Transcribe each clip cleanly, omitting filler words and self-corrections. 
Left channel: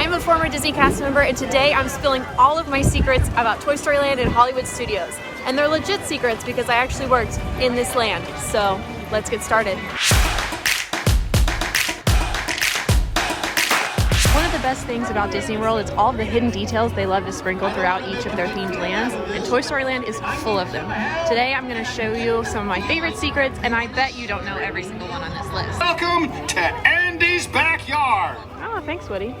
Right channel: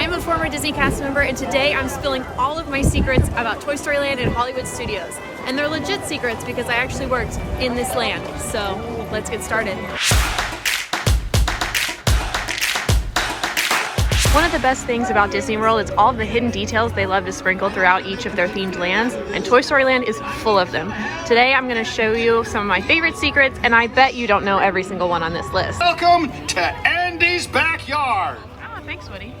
I'm a former Disney cast member, and today I'm spilling all of my secrets about Toy Story Land and Hollywood Studios. And they're legit secrets because I actually worked in this land. So let's get started. One of the best things about Disney World is all of the hidden details they love to sprinkle throughout each of their themed lands, and Toy Story Land is full of them. Today I'm going to show you some of my favorite secrets, and I bet you don't know every single one on this list. Welcome to Andy's Backyard! Oh, thanks, Woody.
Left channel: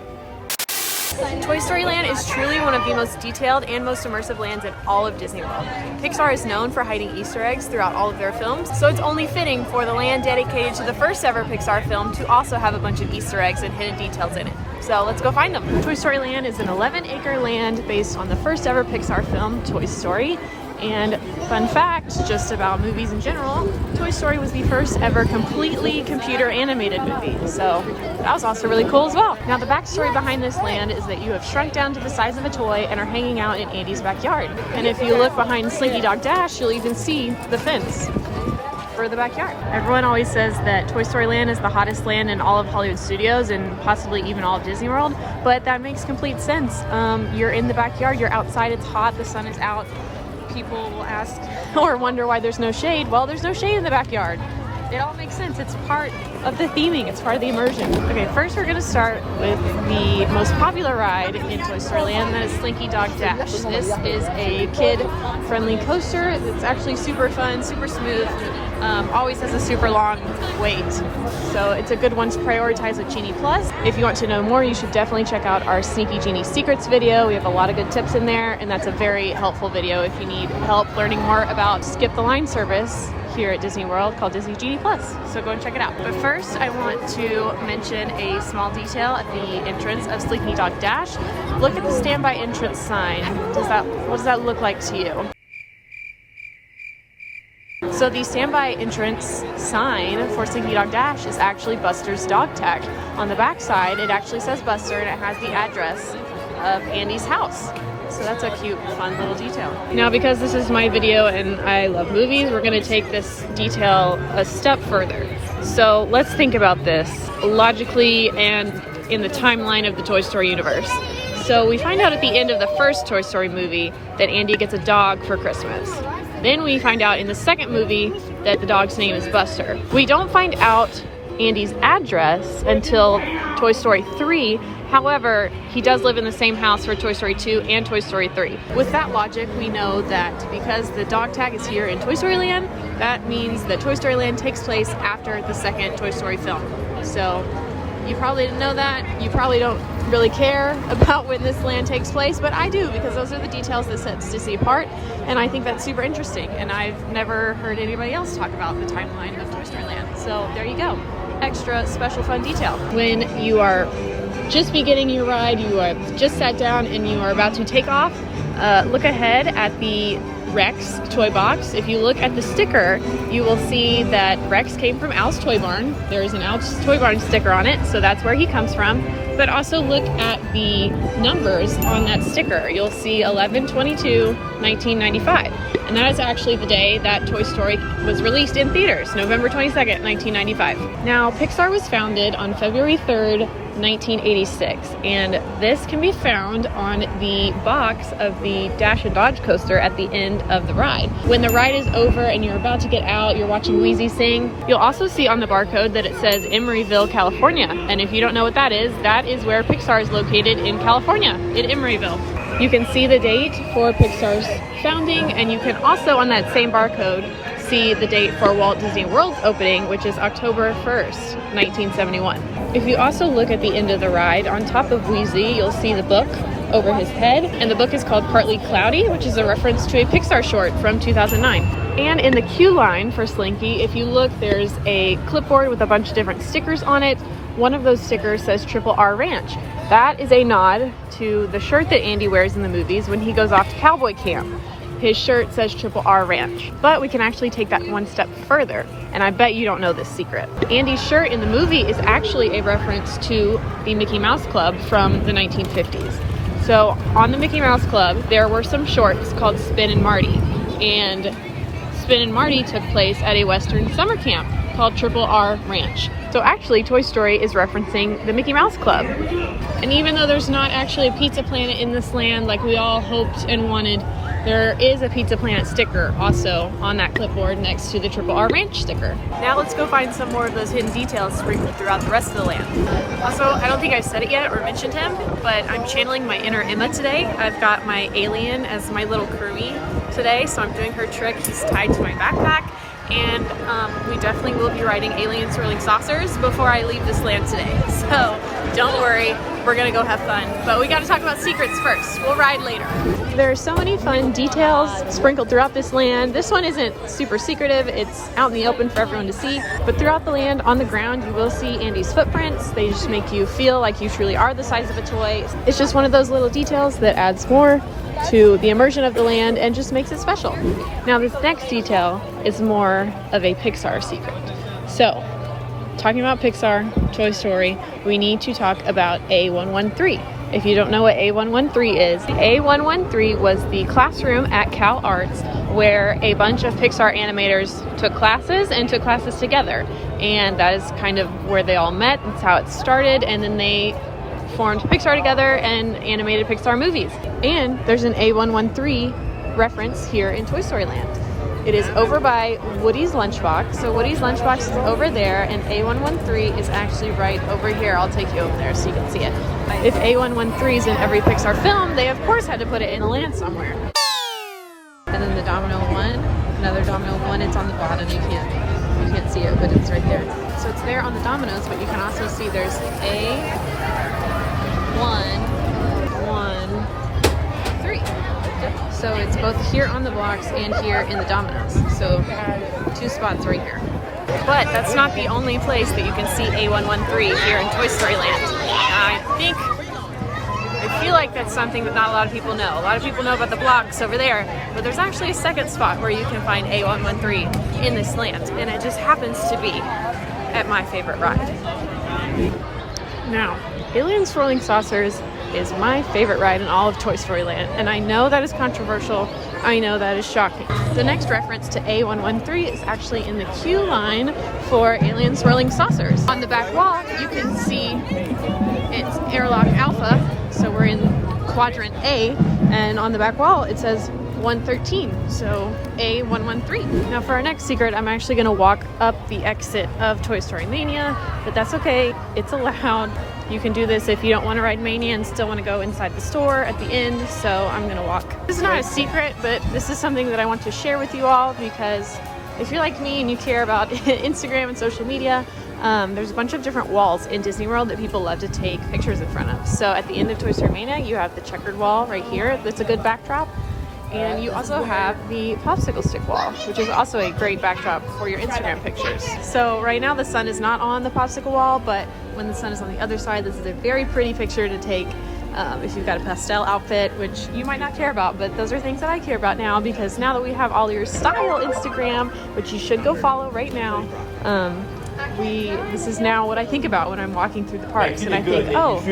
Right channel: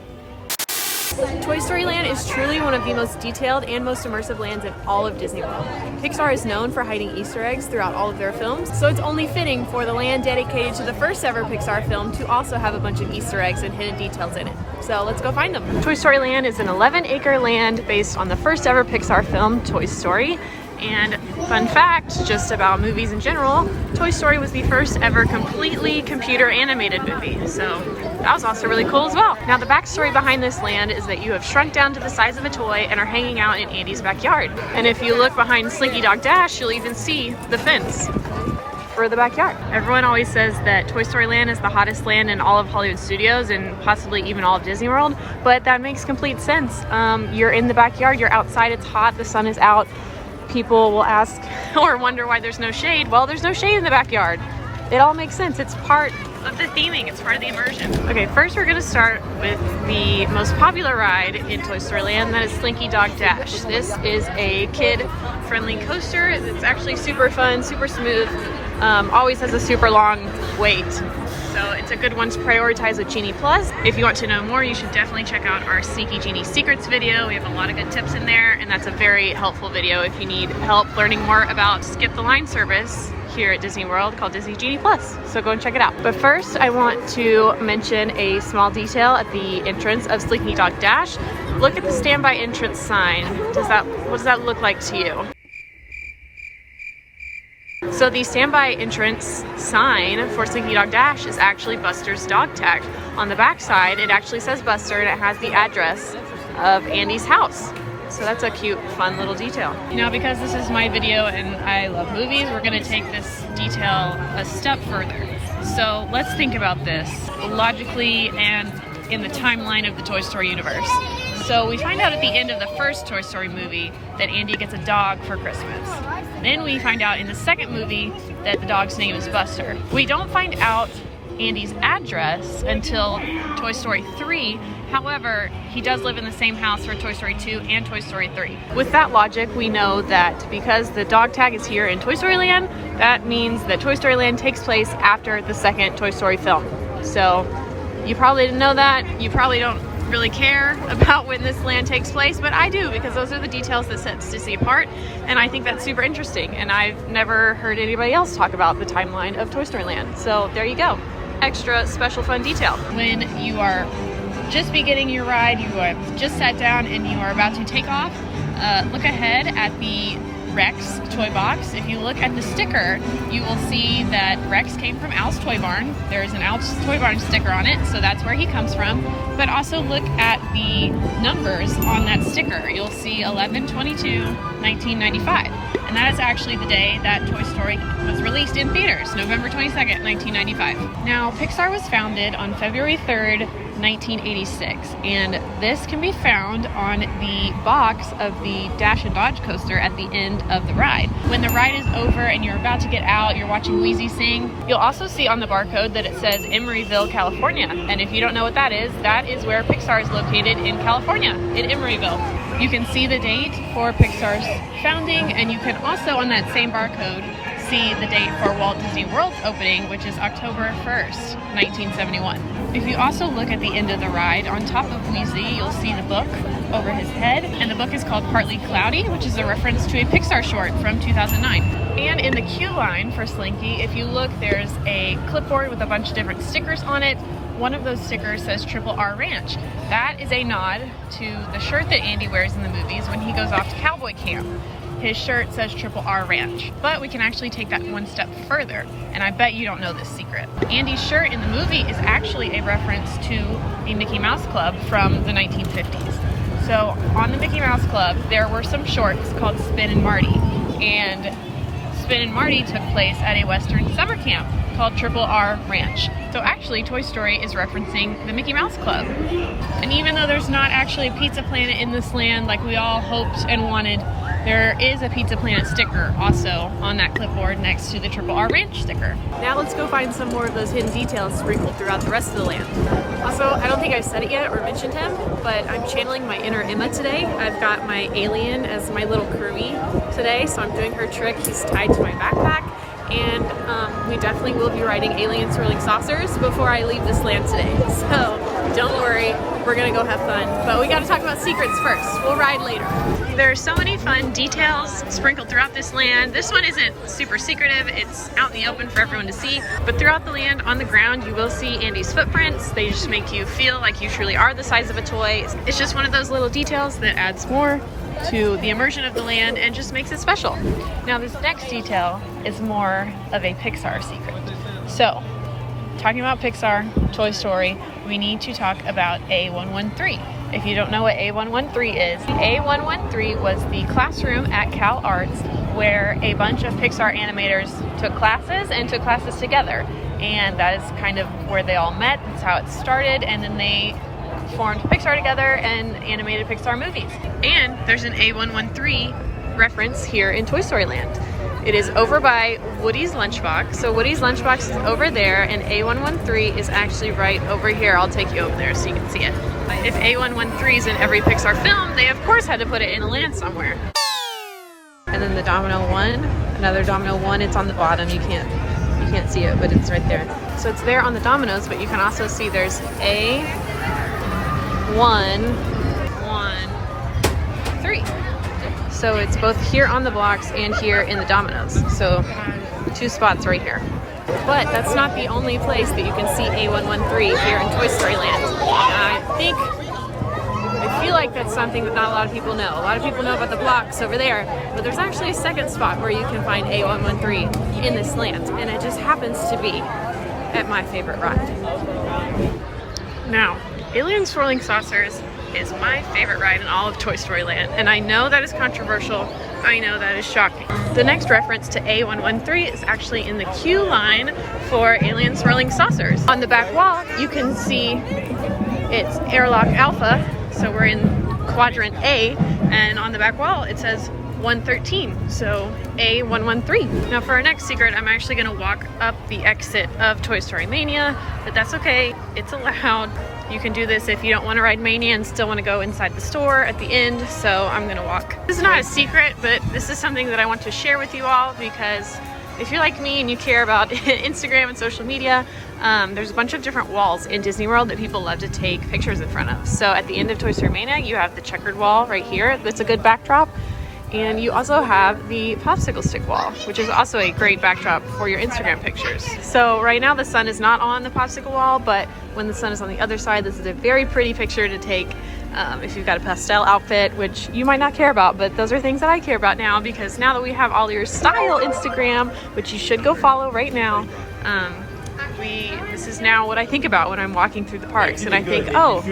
Toy Story Land is truly one of the most detailed and most immersive lands in all of Disney World. Pixar is known for hiding Easter eggs throughout all of their films, so it's only fitting for the land dedicated to the first ever Pixar film to also have a bunch of Easter eggs and hidden details in it. So let's go find them. Toy Story Land is an 11-acre land based on the first ever Pixar film, Toy Story. And fun fact, just about movies in general, Toy Story was the first ever completely computer animated movie. So that was also really cool as well. Now the backstory behind this land is that you have shrunk down to the size of a toy and are hanging out in Andy's backyard. And if you look behind Slinky Dog Dash, you'll even see the fence for the backyard. Everyone always says that Toy Story Land is the hottest land in all of Hollywood Studios and possibly even all of Disney World, but that makes complete sense. You're in the backyard, you're outside, it's hot, the sun is out. People will ask or wonder why there's no shade. Well, there's no shade in the backyard. It all makes sense. It's part of the theming. It's part of the immersion. Okay, first we're gonna start with the most popular ride in Toy Story Land, that is Slinky Dog Dash. This is a kid-friendly coaster. It's actually super fun, super smooth, always has a super long wait. So it's a good one to prioritize with Genie Plus. If you want to know more, you should definitely check out our Sneaky Genie Secrets video. We have a lot of good tips in there, and that's a very helpful video if you need help learning more about Skip the Line service here at Disney World called Disney Genie Plus. So go and check it out. But first, I want to mention a small detail at the entrance of Slinky Dog Dash. Look at the standby entrance sign. What does that look like to you? So the standby entrance sign for Slinky Dog Dash is actually Buster's dog tag. On the back side, it actually says Buster, and it has the address of Andy's house. So that's a cute, fun little detail. Now, because this is my video and I love movies, we're gonna take this detail a step further. So let's think about this logically and in the timeline of the Toy Story universe. So we find out at the end of the first Toy Story movie that Andy gets a dog for Christmas. Then we find out in the second movie that the dog's name is Buster. We don't find out Andy's address until Toy Story 3. However, he does live in the same house for Toy Story 2 and Toy Story 3. With that logic, we know that because the dog tag is here in Toy Story Land, that means that Toy Story Land takes place after the second Toy Story film. So you probably didn't know that. You probably don't really care about when this land takes place, but I do, because those are the details that sets Disney apart, and I think that's super interesting, and I've never heard anybody else talk about the timeline of Toy Story Land. So there you go. Extra special fun detail. When you are just beginning your ride, you have just sat down and you are about to take off, look ahead at the Rex toy box. If you look at the sticker, you will see that Rex came from Al's Toy Barn. There's an Al's Toy Barn sticker on it, so that's where he comes from. But also look at the numbers on that sticker. You'll see 11/22/1995. And that is actually the day that Toy Story was released in theaters, November 22nd, 1995. Now, Pixar was founded on February 3rd, 1986, and this can be found on the box of the Dash and Dodge coaster at the end of the ride. When the ride is over and you're about to get out, you're watching Wheezy sing, you'll also see on the barcode that it says Emeryville, California. And if you don't know what that is where Pixar is located in California, in Emeryville. You can see the date for Pixar's founding, and you can also, on that same barcode, see the date for Walt Disney World's opening, which is October 1st, 1971. If you also look at the end of the ride, on top of Wheezy, you'll see the book over his head, and the book is called Partly Cloudy, which is a reference to a Pixar short from 2009. And in the queue line for Slinky, if you look, there's a clipboard with a bunch of different stickers on it. One of those stickers says Triple R Ranch. That is a nod to the shirt that Andy wears in the movies when he goes off to cowboy camp. His shirt says Triple R Ranch. But we can actually take that one step further, and I bet you don't know this secret. Andy's shirt in the movie is actually a reference to the Mickey Mouse Club from the 1950s. So on the Mickey Mouse Club, there were some shorts called Spin and Marty, and Spin and Marty took place at a Western summer camp called Triple R Ranch. So actually, Toy Story is referencing the Mickey Mouse Club. And even though though there's not actually a Pizza Planet in this land like we all hoped and wanted, there is a Pizza Planet sticker also on that clipboard next to the Triple R Ranch sticker. Now let's go find some more of those hidden details sprinkled throughout the rest of the land. Also, I don't think I've said it yet or mentioned him, but I'm channeling my inner Emma today. I've got my alien as my little crewie today, so I'm doing her trick. He's tied to my backpack, and we definitely will be riding alien swirling saucers before I leave this land today. So don't worry, we're gonna go have fun. But we gotta talk about secrets first. We'll ride later. There are so many fun details sprinkled throughout this land. This one isn't super secretive, it's out in the open for everyone to see. But throughout the land, on the ground, you will see Andy's footprints. They just make you feel like you truly are the size of a toy. It's just one of those little details that adds more to the immersion of the land and just makes it special. Now this next detail is more of a Pixar secret. So, talking about Pixar, Toy Story, we need to talk about A113. If you don't know what A113 is, A113 was the classroom at Cal Arts where a bunch of Pixar animators took classes and took classes together. And that is kind of where they all met. That's how it started. And then they formed Pixar together and animated Pixar movies. And there's an A113 reference here in Toy Story Land. It is over by Woody's Lunchbox. So Woody's Lunchbox is over there and A113 is actually right over here. I'll take you over there so you can see it. If A113 is in every Pixar film, they of course had to put it in a land somewhere. And then the Domino one, another Domino one, it's on the bottom. You can't see it, but it's right there. So it's there on the dominoes, but you can also see there's A113. So it's both here on the blocks and here in the dominoes. So 2 spots right here. But that's not the only place that you can see A113 here in Toy Story Land. I feel like that's something that not a lot of people know. A lot of people know about the blocks over there, but there's actually a second spot where you can find A113 in this land, and it just happens to be at my favorite ride. Now, Alien Swirling Saucers is my favorite ride in all of Toy Story Land, and I know that is controversial. I know that is shocking. The next reference to A113 is actually in the queue line for Alien Swirling Saucers. On the back wall, you can see it's Airlock Alpha, so we're in quadrant A, and on the back wall it says 113, so A113. Now for our next secret, I'm actually gonna walk up the exit of Toy Story Mania, but that's okay, it's allowed. You can do this if you don't want to ride Mania and still want to go inside the store at the end, so I'm gonna walk. This is not a secret, but this is something that I want to share with you all because if you're like me and you care about Instagram and social media, there's a bunch of different walls in Disney World that people love to take pictures in front of. So at the end of Toy Story Mania, you have the checkered wall right here. That's a good backdrop. And you also have the popsicle stick wall, which is also a great backdrop for your Instagram pictures. So right now the sun is not on the popsicle wall, but when the sun is on the other side, this is a very pretty picture to take if you've got a pastel outfit, which you might not care about, but those are things that I care about now because now that we have AllEars Style Instagram, which you should go follow right now, this is now what I think about when I'm walking through the parks, and I think, oh,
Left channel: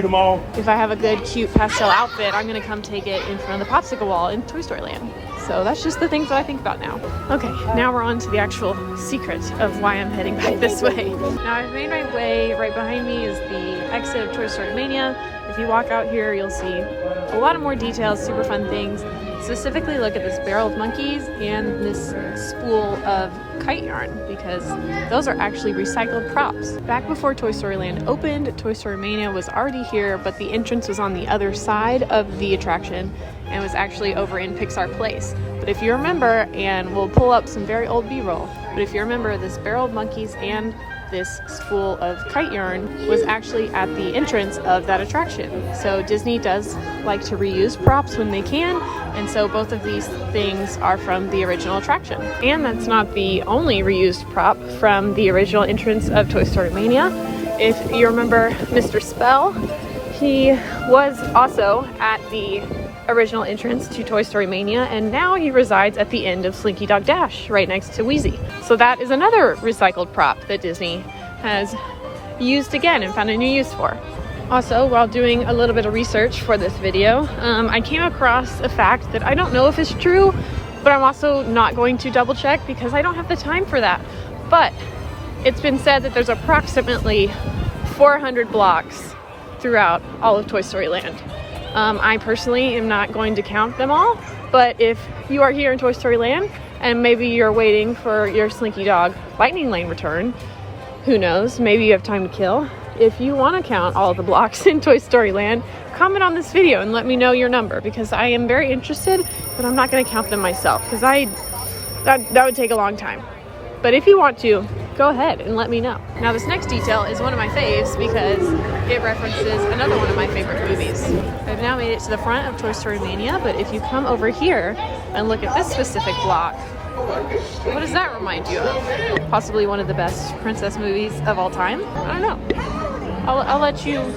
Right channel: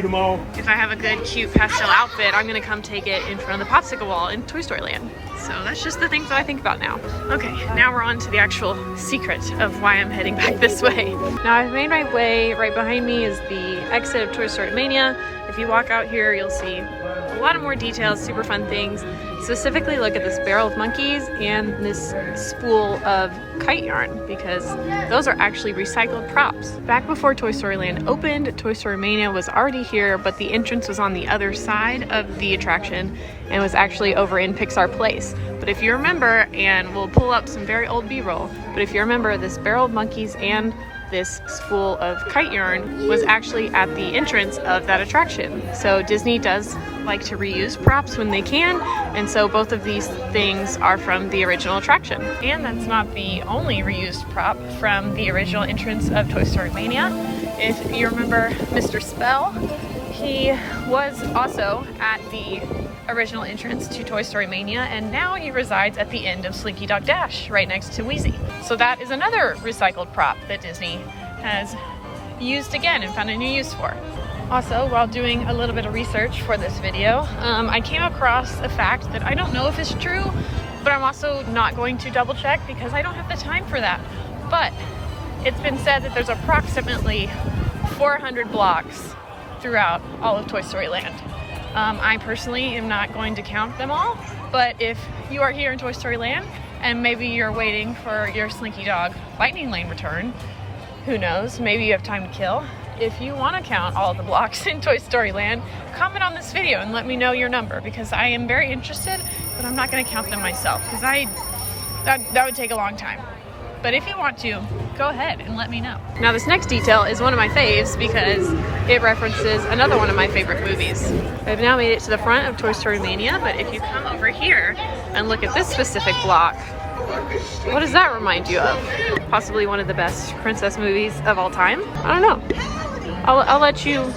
if I have a good cute pastel outfit, I'm gonna come take it in front of the popsicle wall in Toy Story Land. So that's just the things that I think about now. Okay, now we're on to the actual secret of why I'm heading back this way. Now I've made my way. Right behind me is the exit of Toy Story Mania. If you walk out here, you'll see a lot of more details, super fun things. Specifically look at this barrel of monkeys and this spool of kite yarn because those are actually recycled props. Back before Toy Story Land opened, Toy Story Mania was already here, but the entrance was on the other side of the attraction and was actually over in Pixar Place. But if you remember, and we'll pull up some very old B-roll, but if you remember, this barrel of monkeys and this spool of kite yarn was actually at the entrance of that attraction. So Disney does like to reuse props when they can, and so both of these things are from the original attraction. And that's not the only reused prop from the original entrance of Toy Story Mania. If you remember Mr. Spell, he was also at the original entrance to Toy Story Mania, and now he resides at the end of Slinky Dog Dash, right next to Wheezy. So that is another recycled prop that Disney has used again and found a new use for. Also, while doing a little bit of research for this video, I came across a fact that I don't know if it's true, but I'm also not going to double check because I don't have the time for that. But it's been said that there's approximately 400 blocks throughout all of Toy Story Land. I personally am not going to count them all, but if you are here in Toy Story Land and maybe you're waiting for your Slinky Dog Lightning Lane return, who knows, maybe you have time to kill. If you want to count all the blocks in Toy Story Land, comment on this video and let me know your number, because I am very interested, but I'm not going to count them myself because that would take a long time. But if you want to, go ahead and let me know. Now this next detail is one of my faves because it references another one of my favorite movies. I've now made it to the front of Toy Story Mania, but if you come over here and look at this specific block, what does that remind you of? Possibly one of the best princess movies of all time? I don't know. I'll let you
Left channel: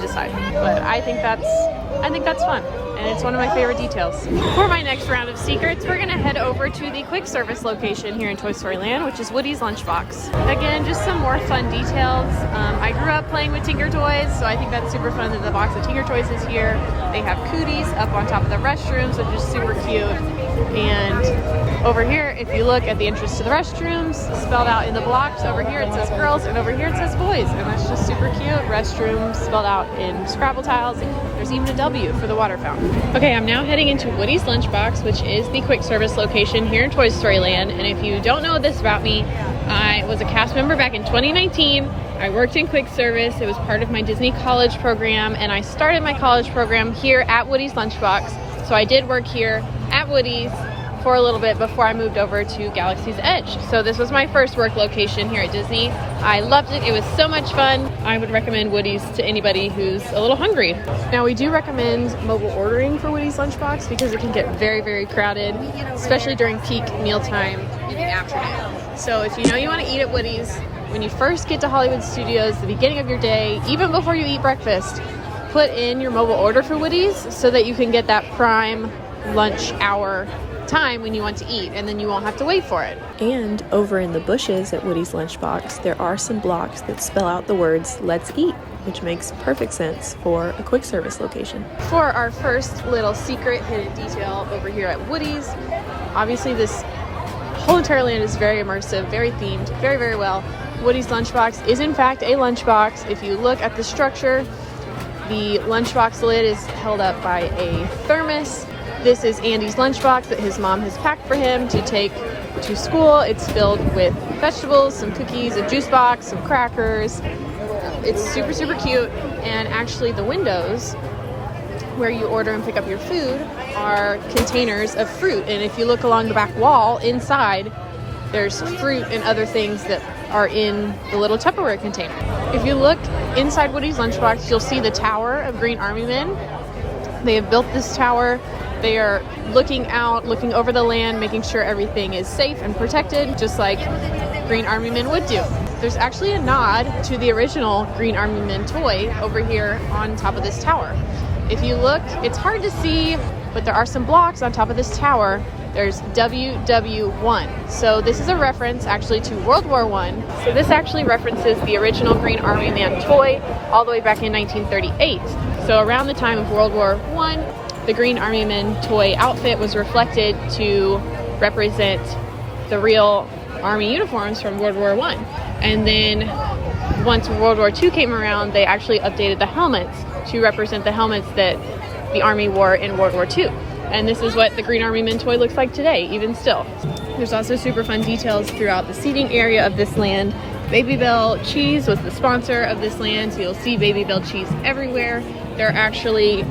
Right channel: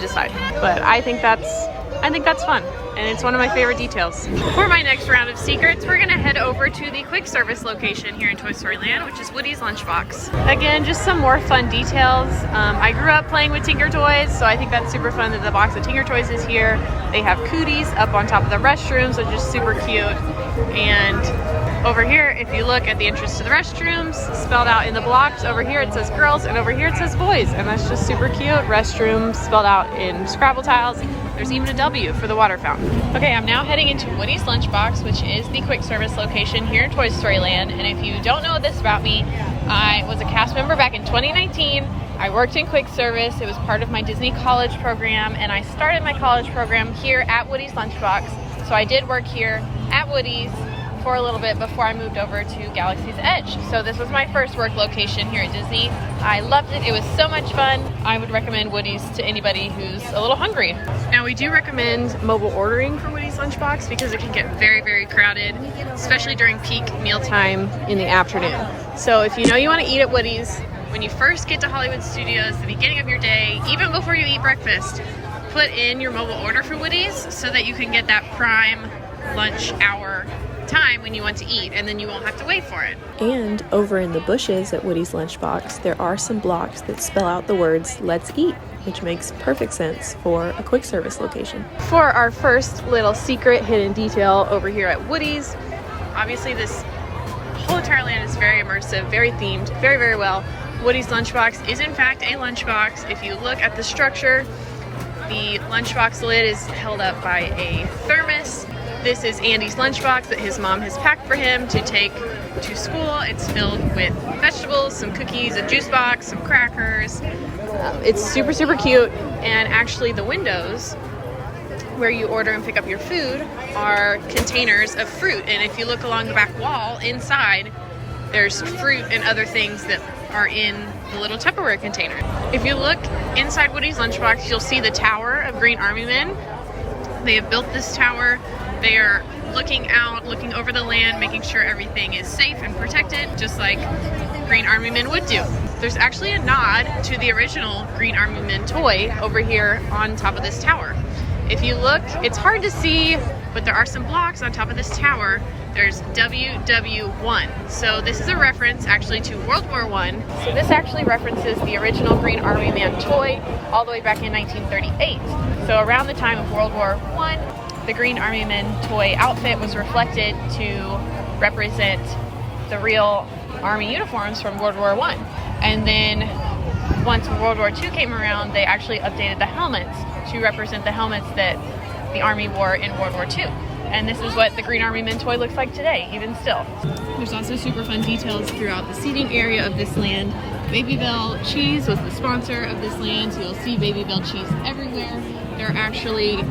decide. But I think that's fun. And it's one of my favorite details. For my next round of secrets, we're gonna head over to the quick service location here in Toy Story Land, which is Woody's Lunchbox. Again, just some more fun details. I grew up playing with Tinker Toys, so I think that's super fun that the box of Tinker Toys is here. They have cooties up on top of the restrooms, which is super cute. And over here, if you look at the entrance to the restrooms, spelled out in the blocks, over here it says girls, and over here it says boys, and that's just super cute. Restrooms spelled out in Scrabble tiles. There's even a W for the water fountain. Okay, I'm now heading into Woody's Lunchbox, which is the quick service location here in Toy Story Land. And if you don't know this about me, I was a cast member back in 2019. I worked in quick service. It was part of my Disney college program, and I started my college program here at Woody's Lunchbox. So I did work here at Woody's for a little bit before I moved over to Galaxy's Edge. So this was my first work location here at Disney. I loved it. It was so much fun. I would recommend Woody's to anybody who's a little hungry. Now we do recommend mobile ordering for Woody's Lunchbox because it can get very, very crowded, especially during peak mealtime in the afternoon. So if you know you want to eat at Woody's, when you first get to Hollywood Studios, the beginning of your day, even before you eat breakfast, put in your mobile order for Woody's so that you can get that prime lunch hour time when you want to eat, and then you won't have to wait for it. And over in the bushes at Woody's Lunchbox, there are some blocks that spell out the words "Let's eat," which makes perfect sense for a quick service location. For our first little secret hidden detail over here at Woody's, obviously this whole entire land is very immersive, very themed, very, very well. Woody's Lunchbox is in fact a lunchbox. If you look at the structure, the lunchbox lid is held up by a thermos. This is Andy's lunchbox that his mom has packed for him to take to school. It's filled with vegetables, some cookies, a juice box, some crackers. It's super, super cute. And actually the windows where you order and pick up your food are containers of fruit. And if you look along the back wall inside, there's fruit and other things that are in the little Tupperware container. If you look inside Woody's Lunchbox, you'll see the Tower of Green Army Men. They have built this tower. They are looking out, looking over the land, making sure everything is safe and protected, just like Green Army Men would do. There's actually a nod to the original Green Army Men toy over here on top of this tower. If you look, it's hard to see, but there are some blocks on top of this tower. There's WW1. So this is a reference actually to World War I. So this actually references the original Green Army Man toy all the way back in 1938. So around the time of World War I, the Green Army Men toy outfit was reflected to represent the real Army uniforms from World War I. And then once World War II came around, they actually updated the helmets to represent the helmets that the Army wore in World War II. And this is what the Green Army Men toy looks like today, even still. There's also super fun details throughout the seating area of this land. Baby Bell Cheese was the sponsor of this land, so you'll see Baby Bell Cheese everywhere. There are actually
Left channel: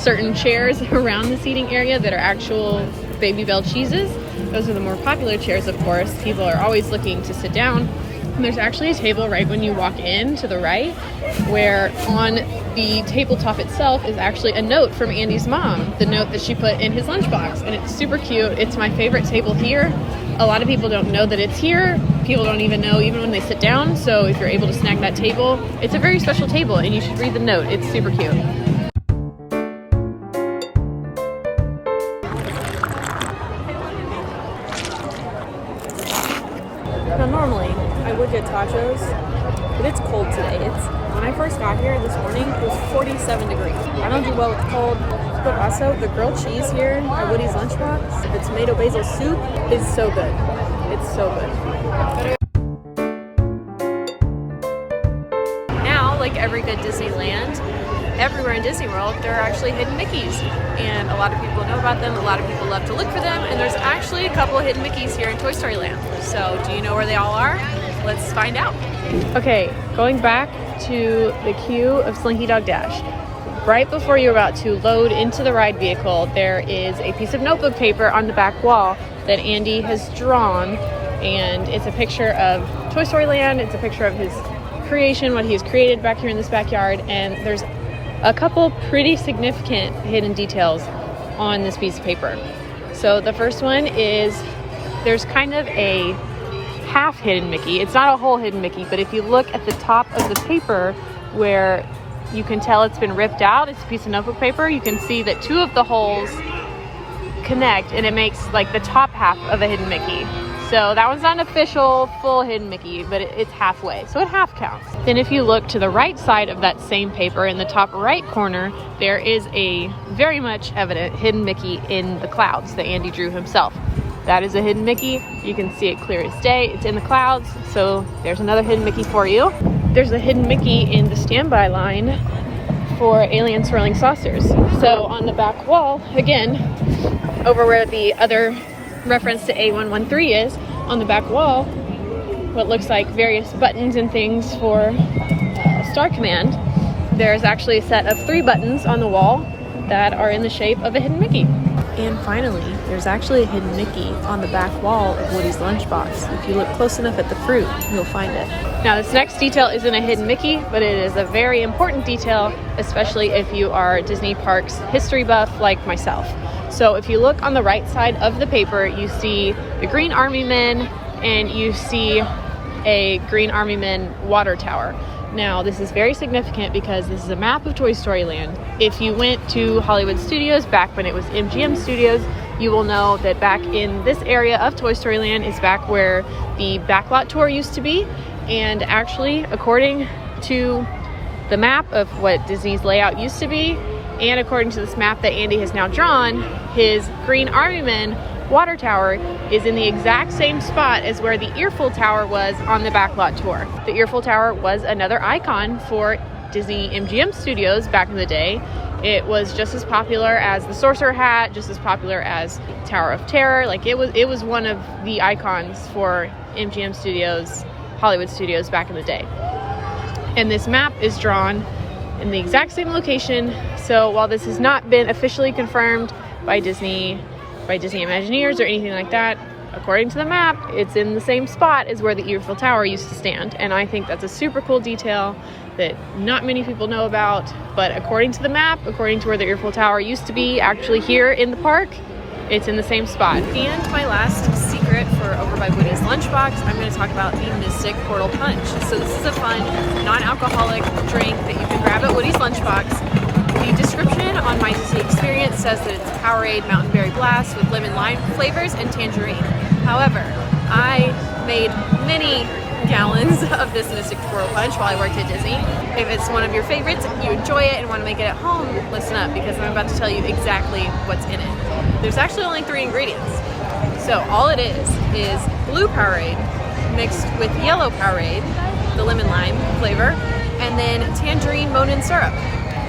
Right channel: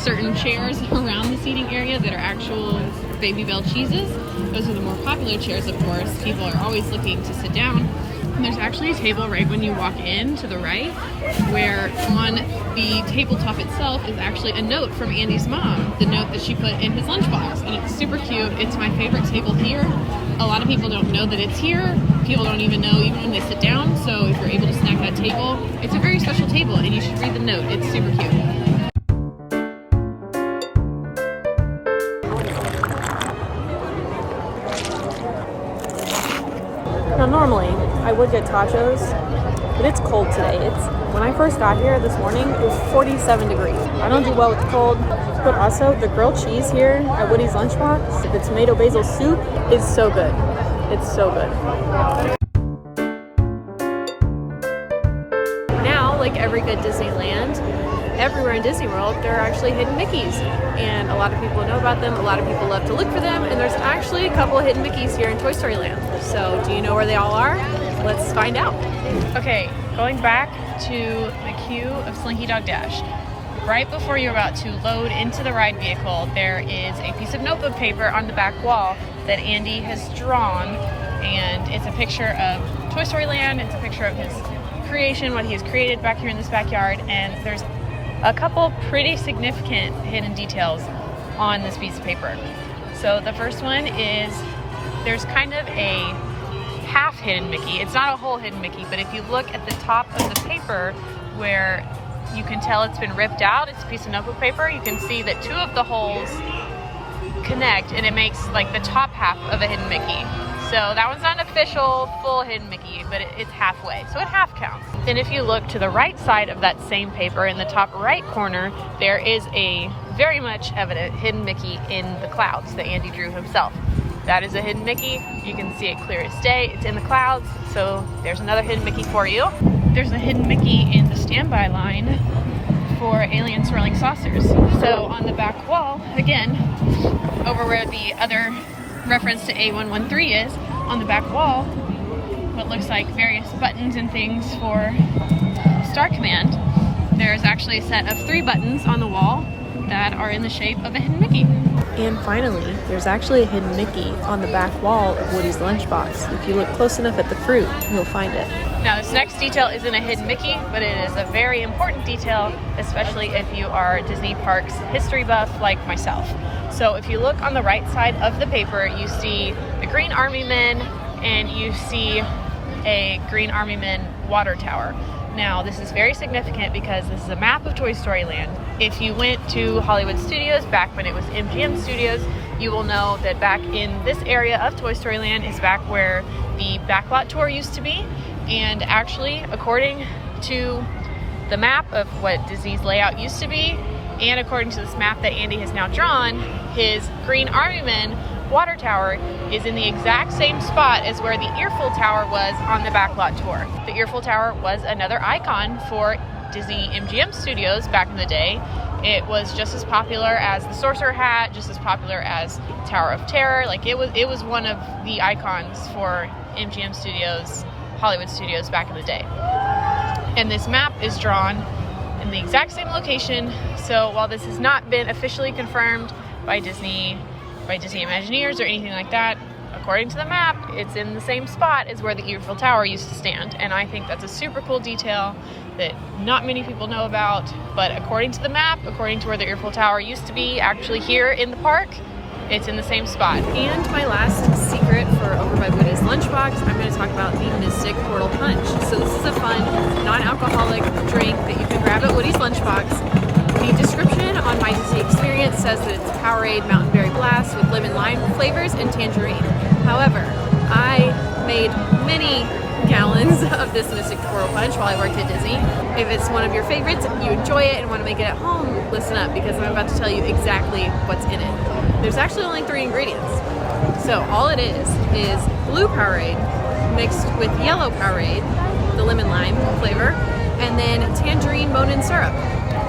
certain chairs around the seating area that are actual Baby Bell cheeses. Those are the more popular chairs, of course. People are always looking to sit down. And there's actually a table right when you walk in to the right, where on the tabletop itself is actually a note from Andy's mom, the note that she put in his lunchbox, and it's super cute. It's my favorite table here. A lot of people don't know that it's here. People don't even know even when they sit down, so if you're able to snag that table, it's a very special table, and you should read the note. It's super cute. Now normally I would get tachos, but it's cold today. When I first got here this morning, it was 47 degrees. I don't do well with the cold, but also the grilled cheese here at Woody's Lunchbox, the tomato basil soup is so good. It's so good. Now, like every good Disneyland, everywhere in Disney World, there are actually hidden Mickeys. And a lot of people know about them, a lot of people love to look for them, and there's actually a couple of hidden Mickeys here in Toy Story Land. So do you know where they all are? Let's find out. Okay, going back to the queue of Slinky Dog Dash. Right before you're about to load into the ride vehicle, there is a piece of notebook paper on the back wall that Andy has drawn, and it's a picture of Toy Story Land. It's a picture of his creation, what he has created back here in this backyard, and there's a couple pretty significant hidden details on this piece of paper. So the first one is there's kind of a half hidden Mickey. It's not a whole hidden Mickey, but if you look at the top of the paper where you can tell it's been ripped out, it's a piece of notebook paper, you can see that two of the holes connect and it makes like the top half of a hidden Mickey. So that one's not an official full hidden Mickey, but it's halfway, so it half counts. Then if you look to the right side of that same paper, in the top right corner, there is a very much evident hidden Mickey in the clouds that Andy drew himself. That is a hidden Mickey. You can see it clear as day. It's in the clouds, so there's another hidden Mickey for you. There's a hidden Mickey in the standby line for alien swirling saucers. So on the back wall, again, over where the other reference to A113 is, on the back wall, what looks like various buttons and things for Star Command, there's actually a set of 3 buttons on the wall that are in the shape of a hidden Mickey. And finally, there's actually a hidden Mickey on the back wall of Woody's Lunchbox. If you look close enough at the fruit, you'll find it. Now this next detail isn't a hidden Mickey, but it is a very important detail, especially if you are a Disney Parks history buff like myself. So if you look on the right side of the paper, you see the Green Army Men and you see a Green Army Men water tower. Now this is very significant because this is a map of Toy Story Land. If you went to Hollywood Studios back when it was MGM Studios, you will know that back in this area of Toy Story Land is back where the backlot tour used to be. And actually, according to the map of what Disney's layout used to be, and according to this map that Andy has now drawn, his Green Army Men water tower is in the exact same spot as where the Earful Tower was on the backlot tour. The Earful Tower was another icon for Disney MGM Studios back in the day. It was just as popular as the Sorcerer Hat, just as popular as Tower of Terror. Like it was one of the icons for MGM Studios, Hollywood Studios back in the day. And this map is drawn in the exact same location. So while this has not been officially confirmed by Disney Imagineers or anything like that, according to the map, it's in the same spot as where the Earful Tower used to stand. And I think that's a super cool detail that not many people know about, but according to the map, according to where the Earful Tower used to be, actually here in the park, it's in the same spot. And my last secret for Over by Woody's Lunchbox, I'm going to talk about the Mystic Portal Punch. So this is a fun, non-alcoholic drink that you can grab at Woody's Lunchbox. The description on My Disney Experience says that it's Powerade Mountain Berry Blast with lemon lime flavors and tangerine. However, I made many gallons of this Mystic Portal Punch while I worked at Disney. If it's one of your favorites, if you enjoy it and want to make it at home, listen up because I'm about to tell you exactly what's in it. There's actually only 3 ingredients. So all it is blue Powerade mixed with yellow Powerade, the lemon lime flavor, and then tangerine Monin syrup.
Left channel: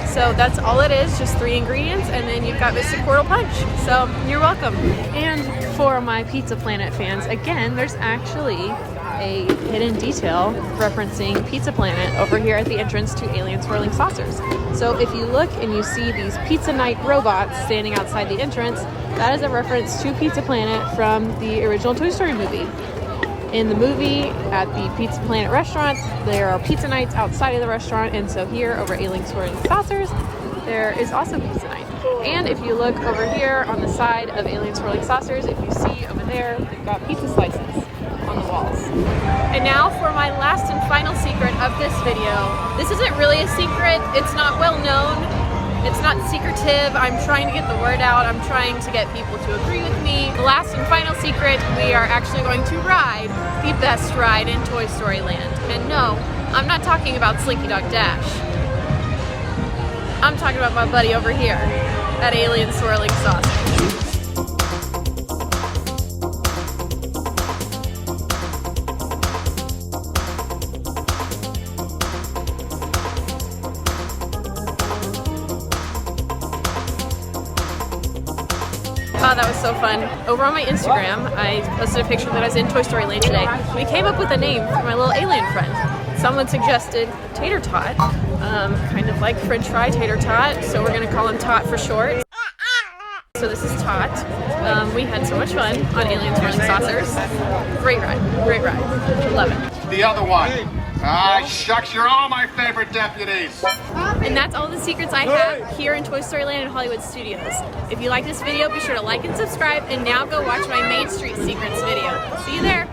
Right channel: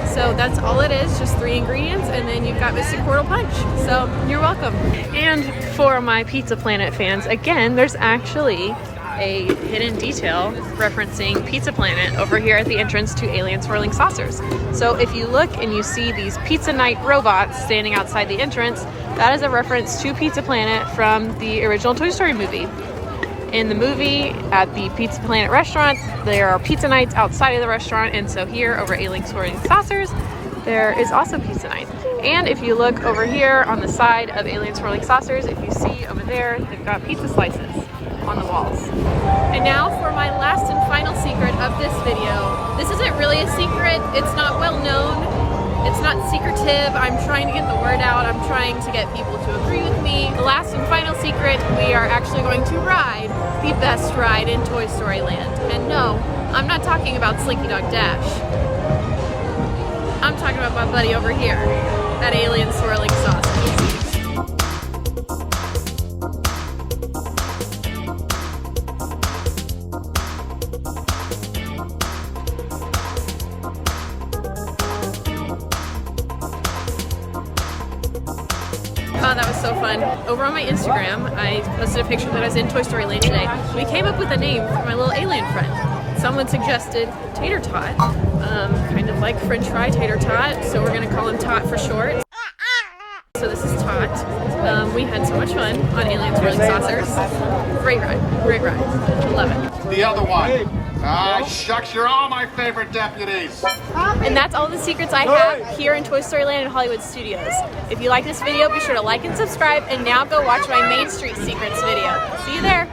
So that's all it is, just 3 ingredients, and then you've got Mystic Portal Punch. So you're welcome. And for my Pizza Planet fans, again, there's actually a hidden detail referencing Pizza Planet over here at the entrance to Alien Swirling Saucers. So if you look and you see these Pizza Night robots standing outside the entrance, that is a reference to Pizza Planet from the original Toy Story movie. In the movie, at the Pizza Planet restaurant, there are pizza nights outside of the restaurant, and so here over Alien Swirling Saucers, there is also pizza night. And if you look over here on the side of Alien Swirling Saucers, if you see over there, they've got pizza slices on the walls. And now for my last and final secret of this video. This isn't really a secret, it's not well known, it's not secretive. I'm trying to get the word out, I'm trying to get people to agree with me. The last and final secret, we are actually going to ride the best ride in Toy Story Land. And no, I'm not talking about Slinky Dog Dash. I'm talking about my buddy over here at Alien Swirling Saucers. Oh, that was so fun. Over on my Instagram, I posted a picture that I was in Toy Story Land today. We came up with a name for my little alien friend. Someone suggested Tater Tot, kind of like French fry tater tot, so we're gonna call him Tot for short. So this is Tot. We had so much fun on Aliens Whirling Saucers. Great ride, great ride. I love it. The other one. Ah, shucks, you're all my favorite deputies. And that's all the secrets I have here in Toy Story Land and Hollywood Studios. If you like this video, be sure to like and subscribe, and now go watch my Main Street Secrets video. See you there.